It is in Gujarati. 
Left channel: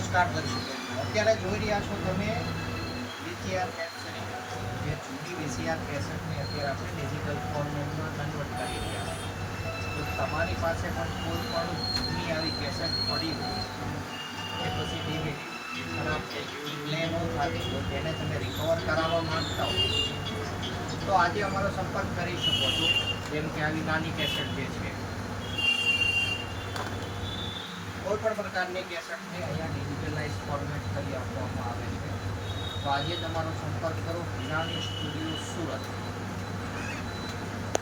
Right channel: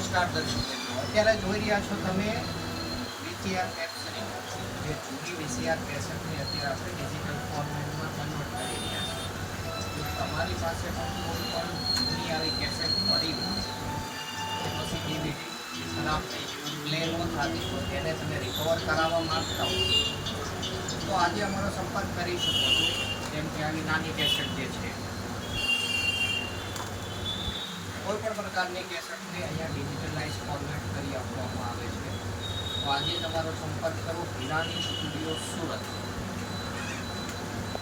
નમસ્કાર દર્શક મિત્રો, અત્યારે જોઈ રહ્યા છો તમે વીસીઆર કેસેટ, જે જૂની વીસીઆર કેસેટને અત્યારે આપણે ડિજિટલ ફોર્મેટમાં કન્વર્ટ કરી રહ્યા છીએ. તો તમારી પાસે પણ કોઈ પણ જૂની આવી કેસેટ પડી હોય કે પછી ડીવીડી ખરાબ થઈ ગયું, પ્લે ન થતી હોય, તેને તમે રિકવર કરાવવા માંગતા હો તો આજે અમારો સંપર્ક કરી શકો છો. જેમ કે આવી નાની કેસેટ જે છે, કોઈ પણ પ્રકારની કેસેટને અહીંયા ડિજિટલાઇઝ ફોર્મેટ કરી આપવામાં આવે છે. તો આજે તમારો સંપર્ક કરો હિરાની સ્ટુડિયો સુરત.